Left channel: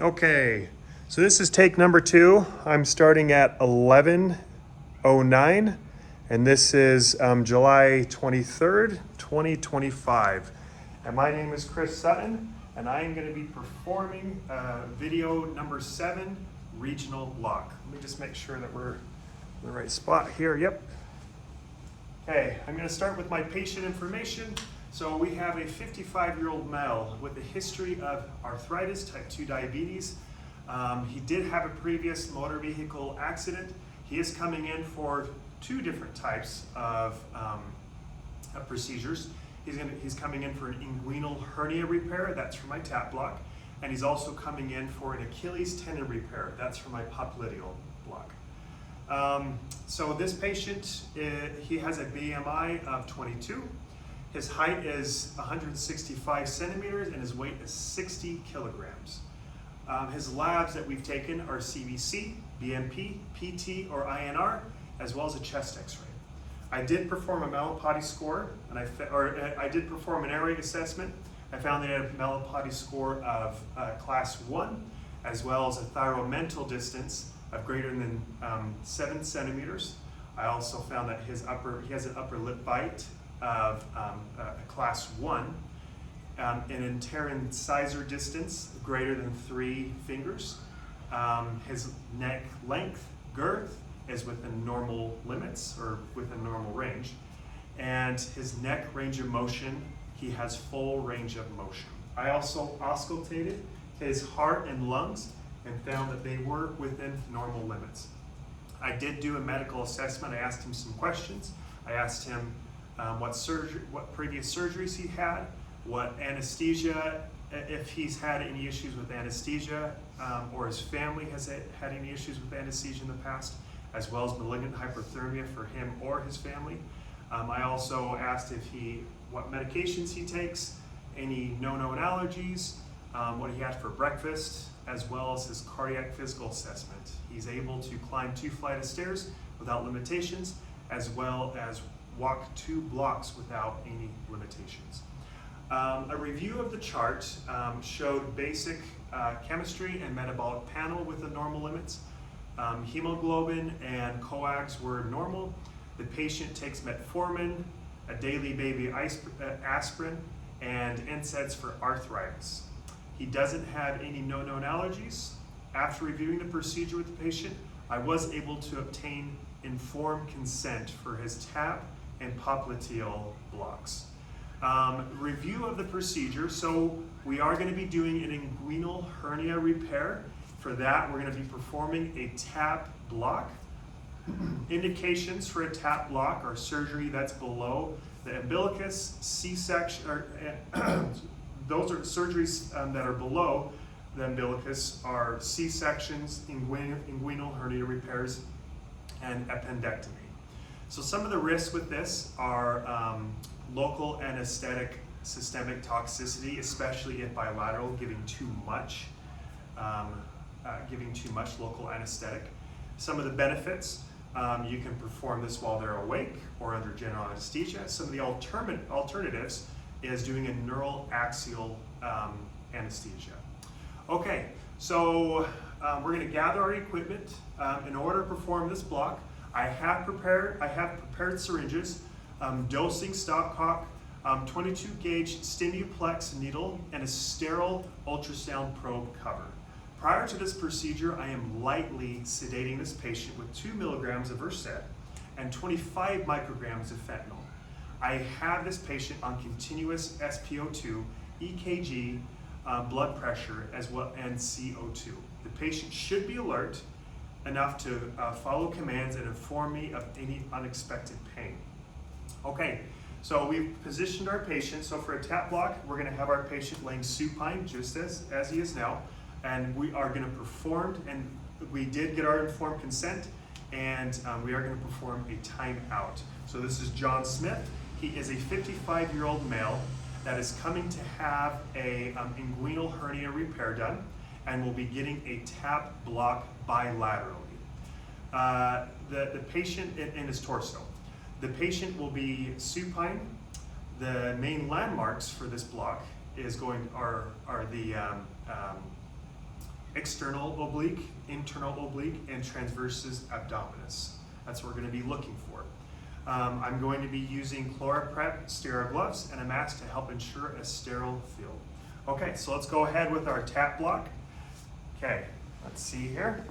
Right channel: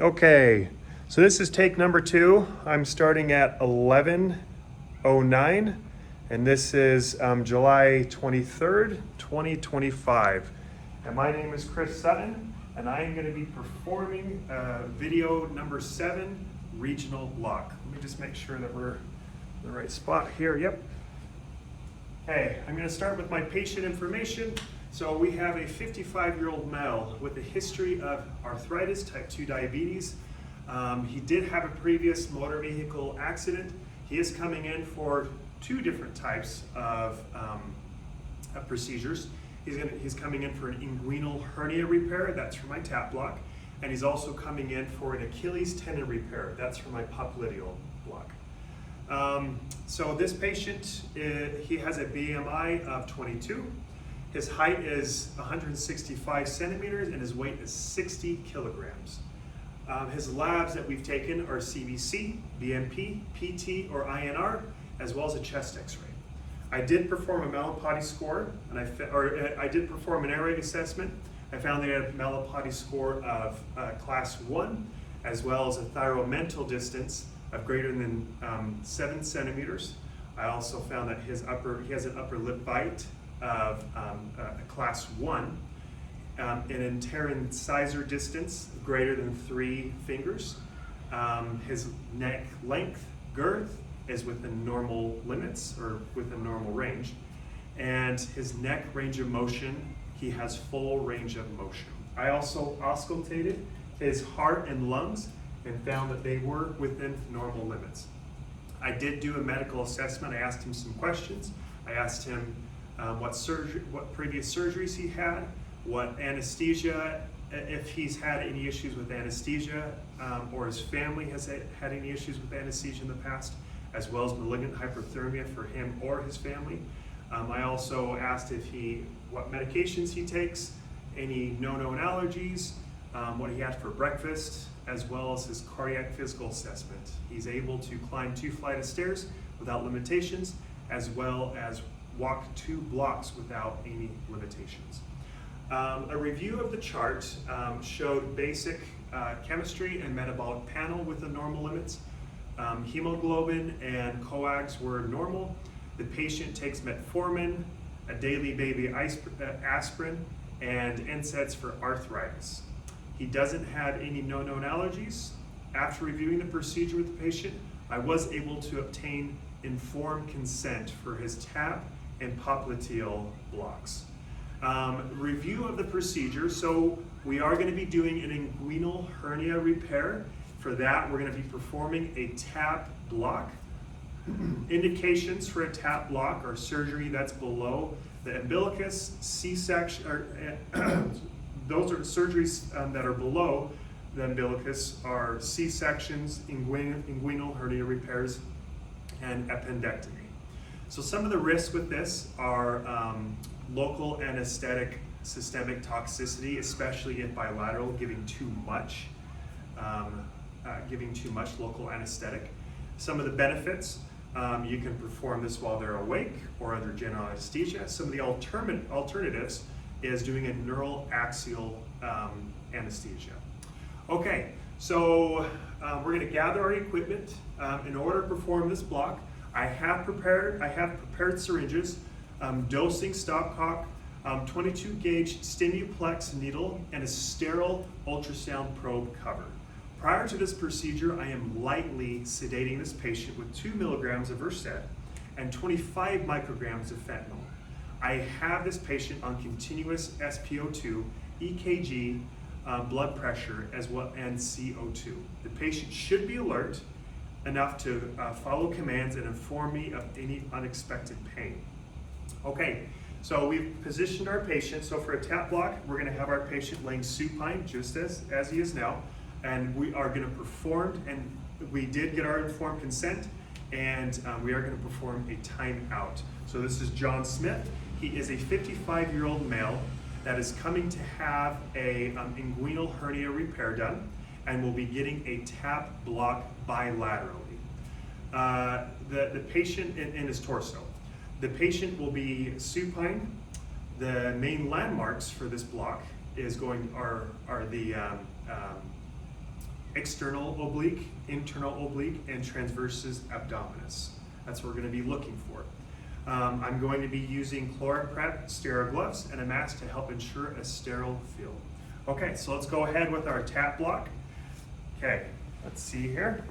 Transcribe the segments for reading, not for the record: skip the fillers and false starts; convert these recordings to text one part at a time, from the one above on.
Okay, so this is take number 2. I'm starting at 11:09, and this is July 23rd, 2025. And my name is Chris Sutton, and I am going to be performing video number 7, regional block. Let me just make sure that we're in the right spot here. Yep. Okay, I'm going to start with my patient information. So we have a 55-year-old male with a history of arthritis, type 2 diabetes. He did have a previous motor vehicle accident. He is coming in for 2 different types of procedures. He's coming in for an inguinal hernia repair, that's for my TAP block, and he's also coming in for an Achilles tendon repair, that's for my popliteal block. So this patient, he has a BMI of 22. His height is 165 centimeters and his weight is 60 kilograms. His labs that we've taken are CBC, BMP, PT, or INR, as well as a chest x-ray. I did perform a Malapati score, and I did perform an airway assessment. I found that he had a Malapati score of class 1, as well as a thyromental distance of greater than 7 centimeters. I also found that he has an upper lip bite of a class 1, an anterior incisor distance greater than 3 fingers. His neck length, girth, is within normal limits or within normal range. And his neck range of motion, he has full range of motion. I also auscultated his heart and lungs and found that they were within normal limits. I did do a medical assessment. I asked him some questions. I asked him what previous surgeries he had, what anesthesia, if he's had any issues with anesthesia, or his family has had any issues with anesthesia in the past, as well as malignant hyperthermia for him or his family. I also asked what medications he takes, any no-known allergies, what he had for breakfast, as well as his cardiac physical assessment. He's able to climb 2 flights of stairs without limitations, as well as walk 2 blocks without any limitations. A review of the chart showed basic chemistry and metabolic panel within normal limits. Hemoglobin and coags were normal. The patient takes metformin, a daily baby aspirin, and NSAIDs for arthritis. He doesn't have any no-known allergies. After reviewing the procedure with the patient, I was able to obtain informed consent for his TAP and popliteal blocks. Review of the procedure. So we are going to be doing an inguinal hernia repair. For that, we're going to be performing a TAP block. Indications for a TAP block are surgery that's below the umbilicus, C-section, or those are surgeries that are below the umbilicus are C-sections, inguinal hernia repairs, and appendectomy. So some of the risks with this are local anesthetic systemic toxicity, especially if bilateral, giving too much local anesthetic. Some of the benefits, you can perform this while they're awake or under general anesthesia. Some of the alternatives is doing a neural axial anesthesia. Okay, so we're going to gather our equipment. In order to perform this block, I have prepared syringes, dosing stopcock, 22 gauge Stimuplex needle, and a sterile ultrasound probe cover. Prior to this procedure, I am lightly sedating this patient with 2 milligrams of Versed and 25 micrograms of fentanyl. I have this patient on continuous SpO2, EKG, blood pressure, as well, and CO2. The patient should be alert enough to follow commands and inform me of any unexpected pain. Okay, so we've positioned our patient. So for a TAP block, we're going to have our patient laying supine, just as he is now, and we are going to perform, and we did get our informed consent, and we are going to perform a timeout. So this is John Smith. He is a 55-year-old male that is coming to have a inguinal hernia repair done and will be getting a TAP block bilaterally. The patient in his torso. The patient will be supine. The main landmarks for this block are the external oblique, internal oblique, and transversus abdominis. That's what we're going to be looking for. I'm going to be using ChloraPrep sterile gloves and a mask to help ensure a sterile field. Okay, so let's go ahead with our tap block. Okay, let's see here.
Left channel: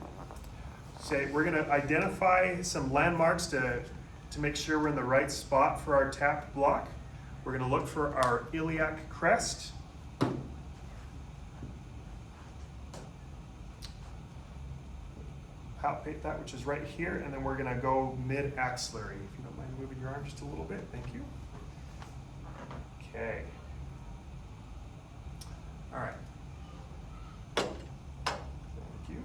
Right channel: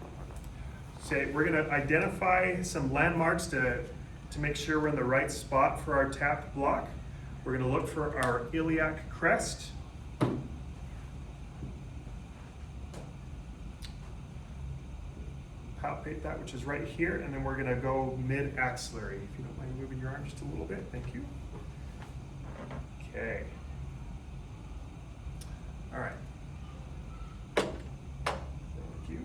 So we're going to identify some landmarks to make sure we're in the right spot for our tap block. We're going to look for our iliac crest. Palpate that, which is right here, and then we're going to go mid-axillary. If you don't mind moving your arm just a little bit, thank you. Okay. All right. Thank you.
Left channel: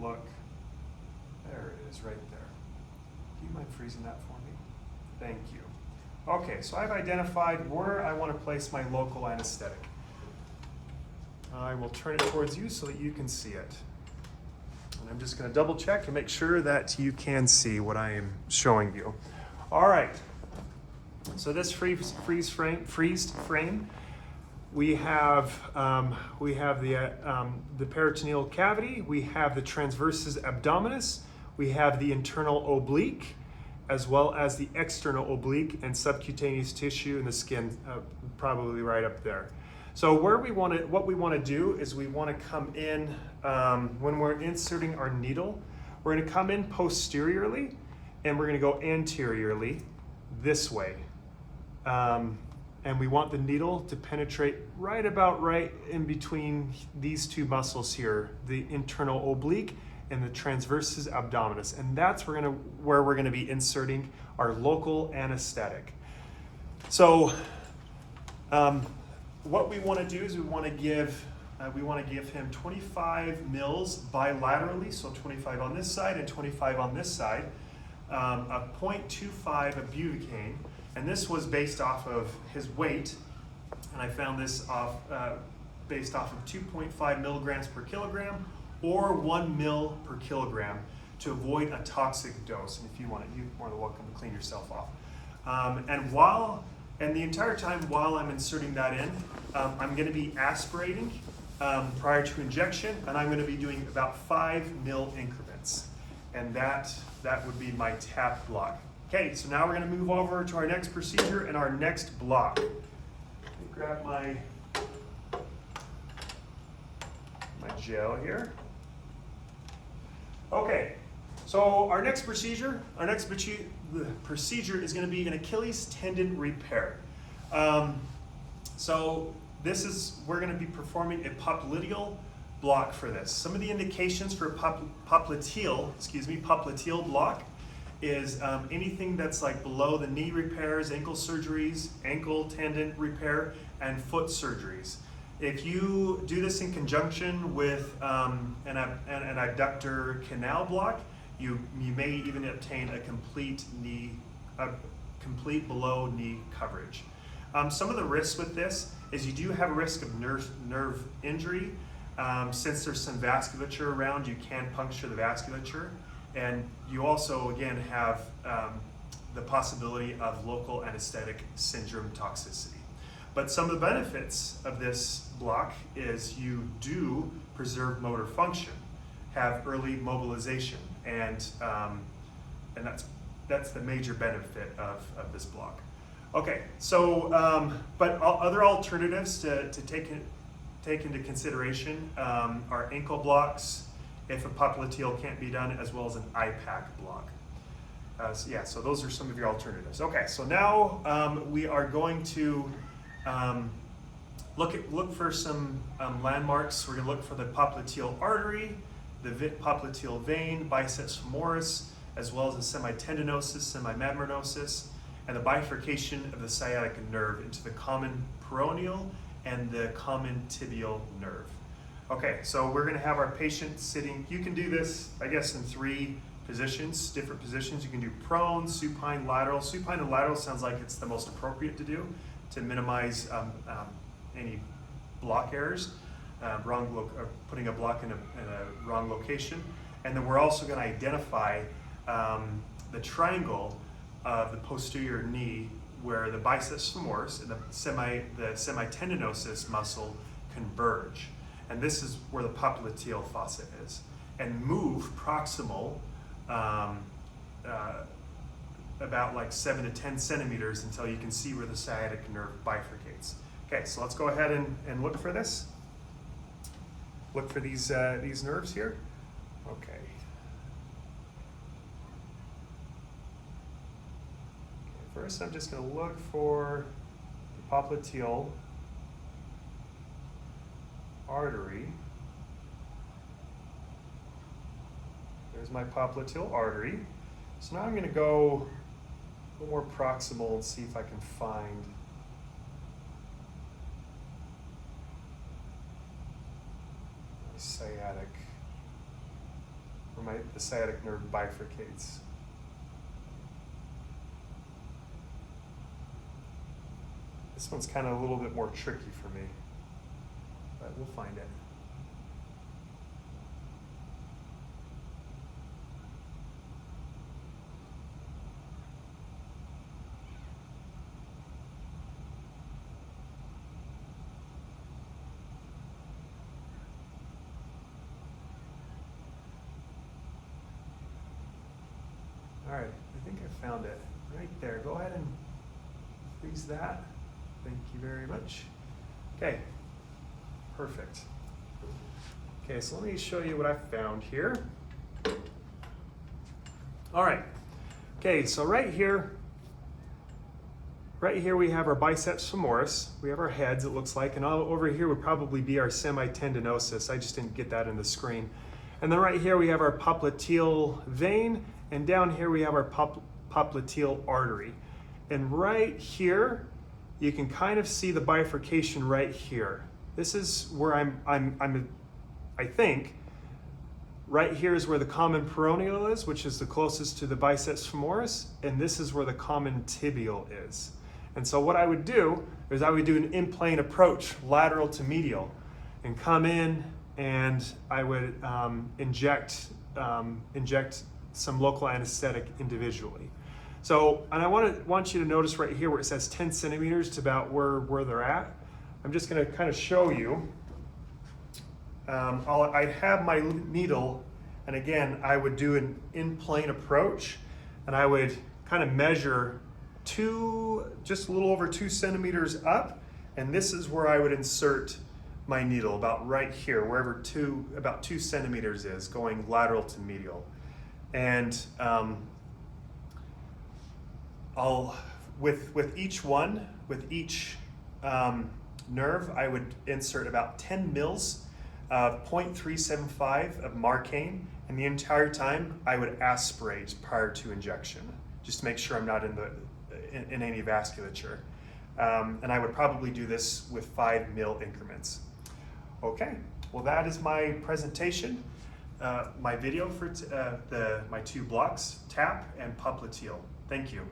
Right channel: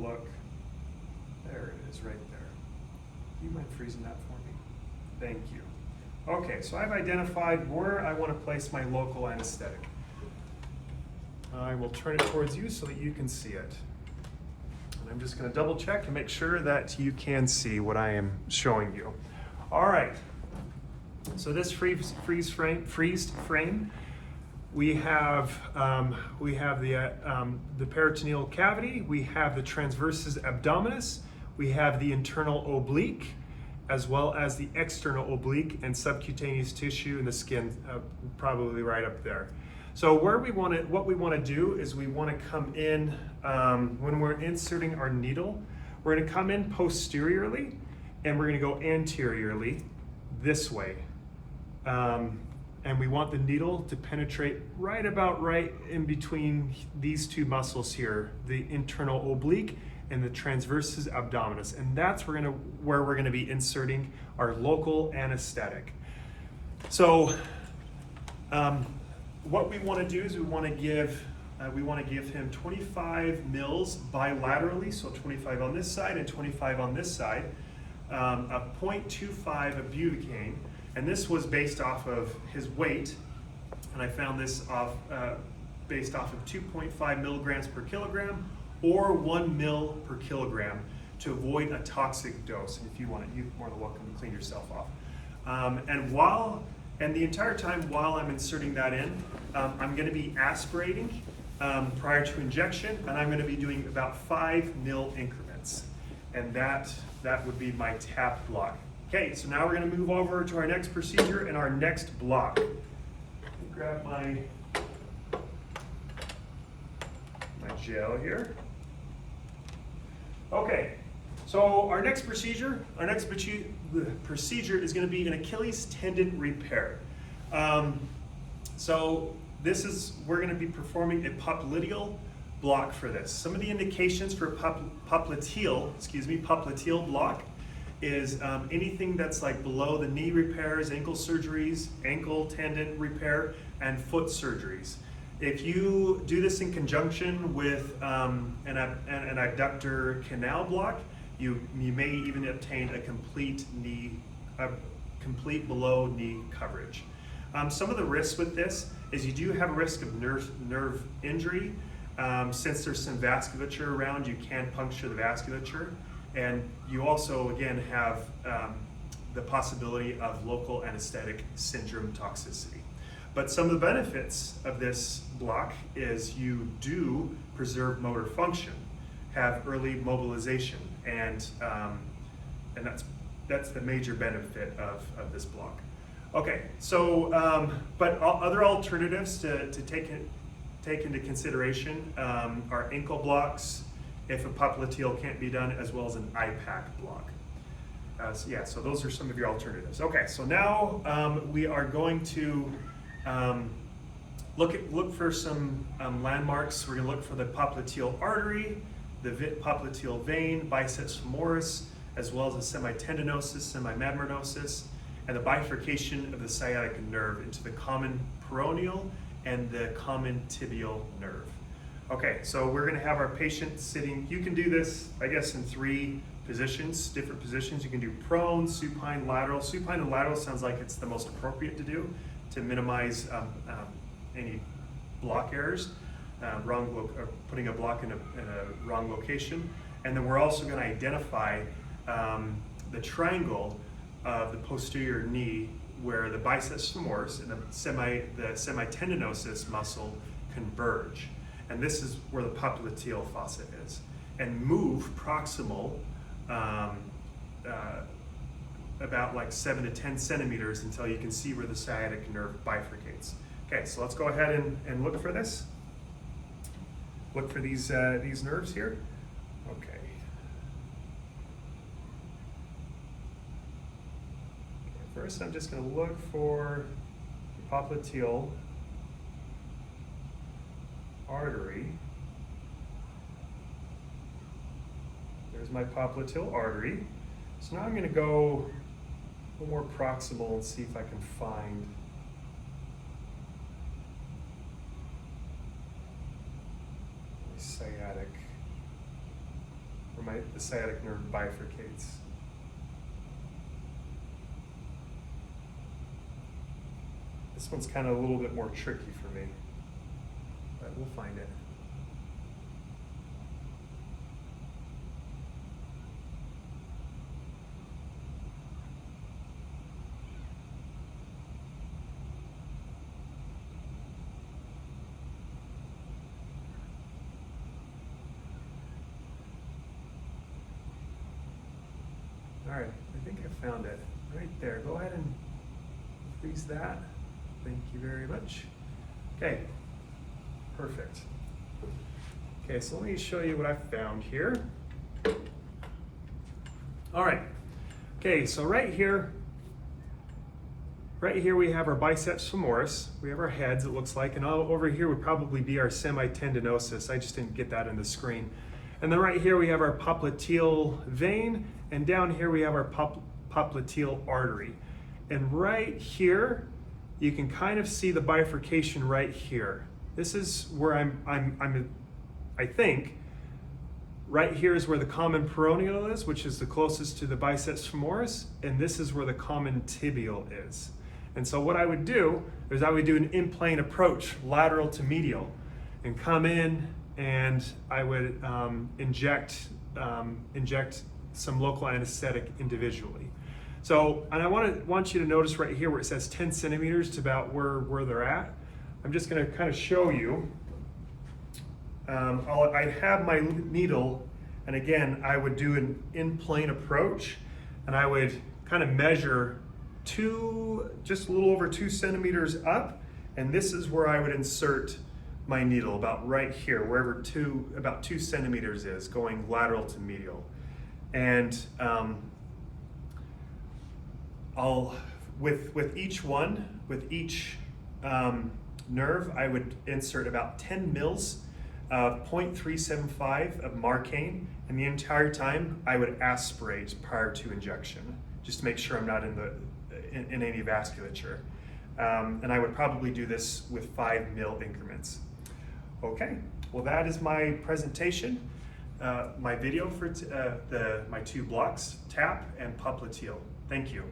Look, there it is right there. Do you mind freezing that for me? Thank you. Okay, so I've identified where I want to place my local anesthetic. I will turn it towards you so that you can see it. And I'm just going to double check and make sure that you can see what I am showing you. All right, so this freeze frame, we have the peritoneal cavity, we have the transversus abdominis, we have the internal oblique, as well as the external oblique and subcutaneous tissue in the skin, probably right up there. So what we want to do is we want to come in, when we're inserting our needle, we're going to come in posteriorly, and we're going to go anteriorly this way. And we want the needle to penetrate right in between these two muscles here, the internal oblique and the transversus abdominis. And that's where we're gonna be inserting our local anesthetic. So what we wanna do is we wanna give him 25 mils bilaterally, so 25 on this side and 25 on this side, a 0.25 of butane. And this was based off of his weight, and I found this based off of 2.5 milligrams per kilogram or 1 mil per kilogram to avoid a toxic dose. And if you want it, you're more than welcome to clean yourself off. And the entire time while I'm inserting that in, I'm going to be aspirating prior to injection, and I'm going to be doing about 5 mil increments, and that would be my tap block. Okay, so now we're going to move over to our next procedure and our next block. Grab my gel here. Okay, so our next procedure is going to be an Achilles tendon repair. So we're going to be performing a popliteal block for this. Some of the indications for popliteal block is anything that's like below the knee repairs, ankle surgeries, ankle tendon repair, and foot surgeries. If you do this in conjunction with an adductor canal block, you may even obtain a complete below knee coverage. Some of the risks with this is you do have a risk of nerve injury. Since there's some vasculature around, you can puncture the vasculature. And you also, again, have the possibility of local anesthetic syndrome toxicity. But some of the benefits of this block is you do preserve motor function, have early mobilization, and that's the major benefit of this block. Okay, so but other alternatives to take into consideration are ankle blocks, if a popliteal can't be done, as well as an IPAC block. So those are some of your alternatives. Okay, so now we are going to look for some landmarks. We're going to look for the popliteal artery, the popliteal vein, biceps femoris, as well as the semitendinosus, semimembranosus, and the bifurcation of the sciatic nerve into the common peroneal and the common tibial nerve. Okay, so we're going to have our patient sitting. You can do this, I guess, in 3 positions, different positions. You can do prone, supine, lateral. Supine and lateral sounds like it's the most appropriate to do to minimize any block errors, putting a block in a wrong location. And then we're also going to identify the triangle of the posterior knee where the biceps femoris and the semitendinosus muscle converge. And this is where the popliteal fossa is. And move proximal about like 7 to 10 centimeters until you can see where the sciatic nerve bifurcates. Okay, so let's go ahead and look for this. Look for these nerves here. Okay. First, I'm just going to look for the popliteal artery. There's my popliteal artery. So now I'm going to go a little more proximal and see if I can find the sciatic, where the sciatic nerve bifurcates. This one's kind of a little bit more tricky for me, but we'll find it. All right, I think I found it right there. Go ahead and freeze that. Thank you very much. Okay, perfect. Okay, so let me show you what I found here. All right, okay, so right here we have our biceps femoris. We have our heads, it looks like, and all over here would probably be our semitendinosus. I just didn't get that in the screen. And then right here we have our popliteal vein, and down here we have our popliteal artery. And right here, you can kind of see the bifurcation right here. This is where I think, right here is where the common peroneal is, which is the closest to the biceps femoris, and this is where the common tibial is. And so what I would do is I would do an in-plane approach, lateral to medial, and come in and I would inject some local anesthetic individually. So, and I want you to notice right here where it says 10 centimeters to about where they're at. I'm just going to kind of show you. I'd have my needle, and again, I would do an in-plane approach, and I would kind of measure just a little over 2 centimeters up, and this is where I would insert my needle, about right here, wherever about 2 centimeters is, going lateral to medial. And with each nerve, I would insert about 10 mils of 0.375 of Marcaine, and the entire time I would aspirate prior to injection, just to make sure I'm not in any vasculature. And I would probably do this with 5 mil increments. Okay, well that is my presentation, my video for my 2 blocks, TAP and popliteal. Thank you.